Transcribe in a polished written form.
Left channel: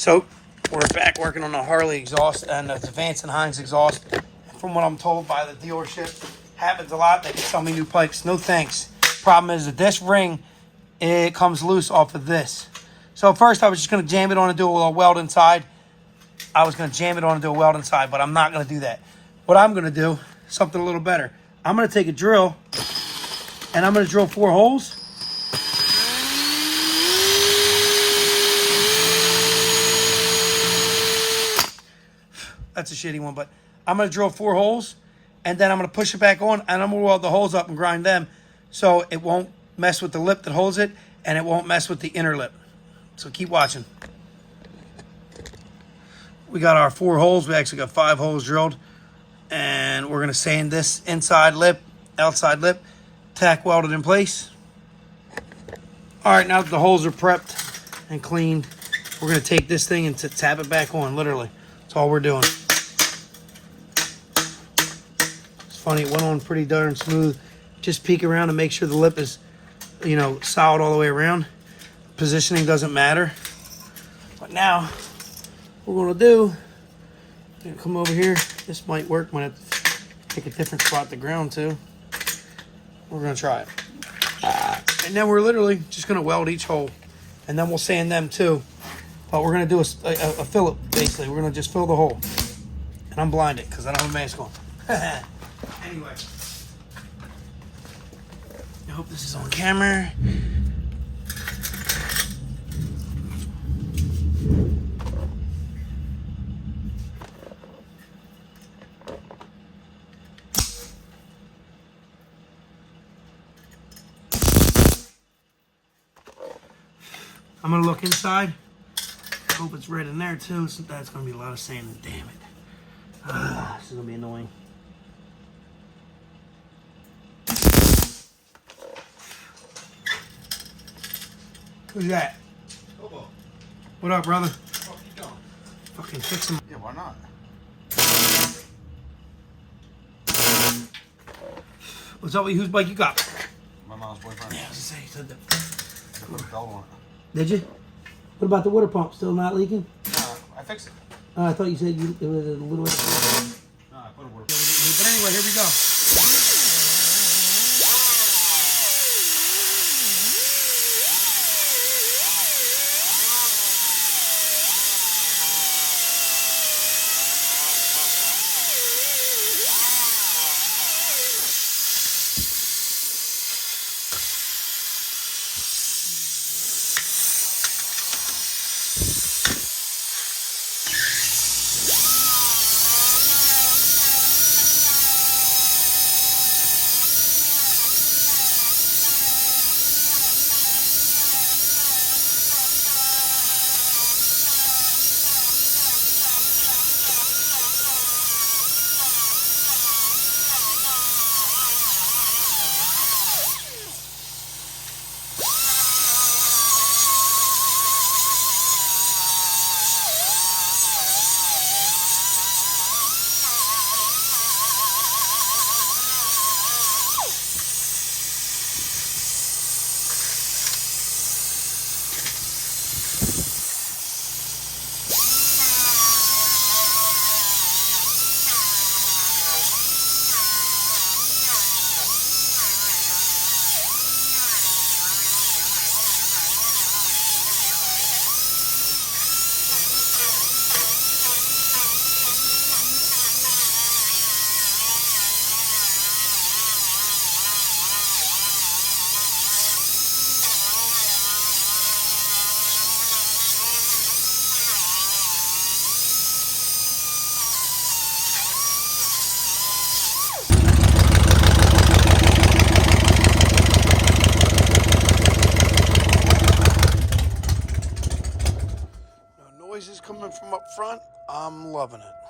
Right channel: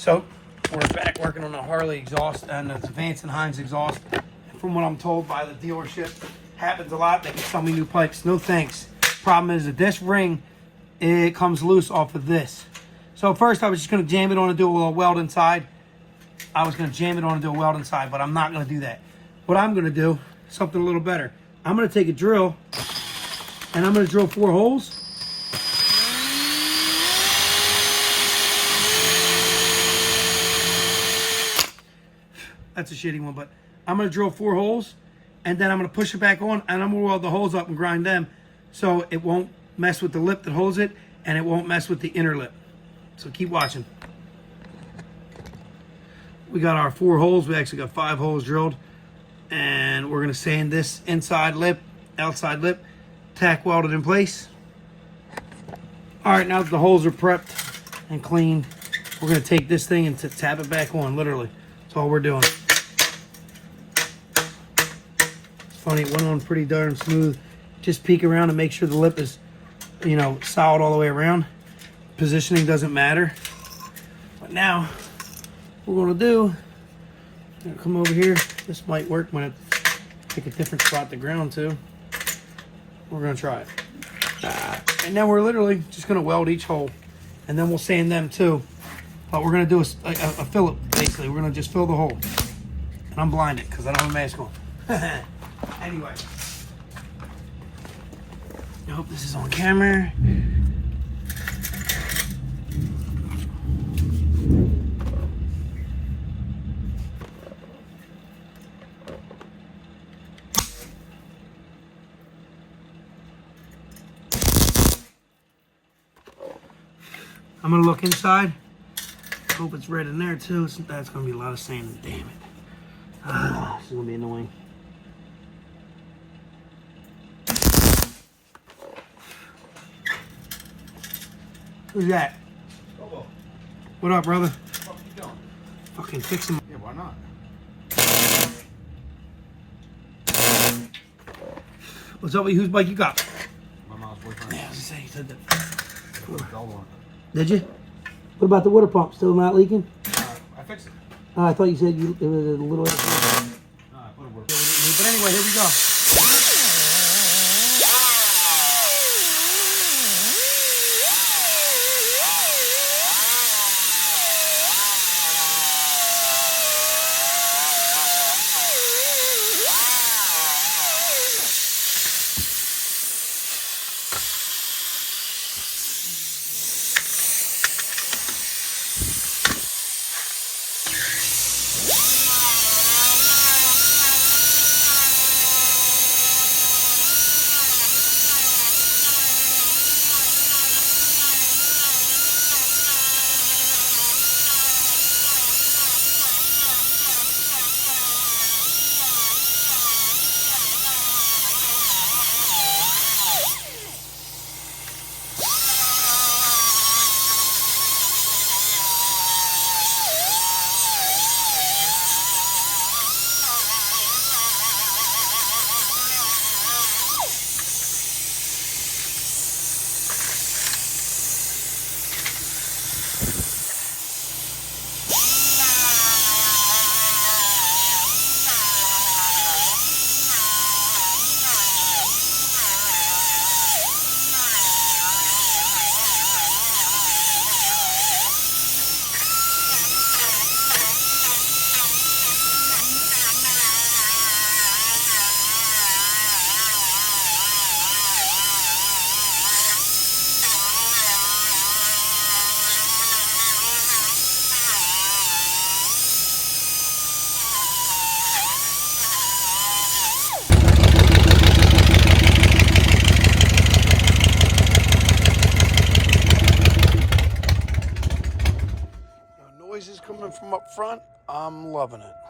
So we're back working on the Harley exhaust and the Vance and Hines exhaust. From what I'm told by the dealership, happens a lot. They can sell me new pipes. No thanks. Problem is that this ring, it comes loose off of this. So first I was just going to jam it on and do a little weld inside. I was going to jam it on and do a weld inside, but I'm not going to do that. What I'm going to do, something a little better. I'm going to take a drill and I'm going to drill 4 holes. That's a shitty one, but I'm going to drill 4 holes and then I'm going to push it back on and I'm going to weld the holes up and grind them so it won't mess with the lip that holds it and it won't mess with the inner lip. So keep watching. We got our 4 holes. We actually got 5 holes drilled. And we're going to sand this inside lip, outside lip, tack welded in place. All right, now that the holes are prepped and cleaned, we're going to take this thing and tap it back on, literally. That's all we're doing. It's funny, it went on pretty darn smooth. Just peek around and make sure the lip is, you know, solid all the way around. Positioning doesn't matter. But now, what we're going to do, I'm gonna come over here. This might work when I pick a different spot to ground to. We're gonna try it. And then we're literally just gonna weld each hole. And then we'll sand them too. But we're gonna do a fillet, basically. We're gonna just fill the hole. And I'm blinded because I don't have a mask on. Anyway. I hope this is on camera. I'm gonna look inside. Hope it's red in there too. So that's gonna be a lot of sanding. Damn it. This is gonna be annoying. Who's that? Bobo. What up, brother? What are you doing? Fucking fix him. Yeah, why not? What's up with you? Whose bike you got? My mom's boyfriend. Yeah, I was gonna say you said that. One. Did you? What about the water pump? Still not leaking? I fixed it. Oh, I thought you said it was a little bit. No, I put it work. But anyway, here we go. Noises coming from up front. I'm loving it.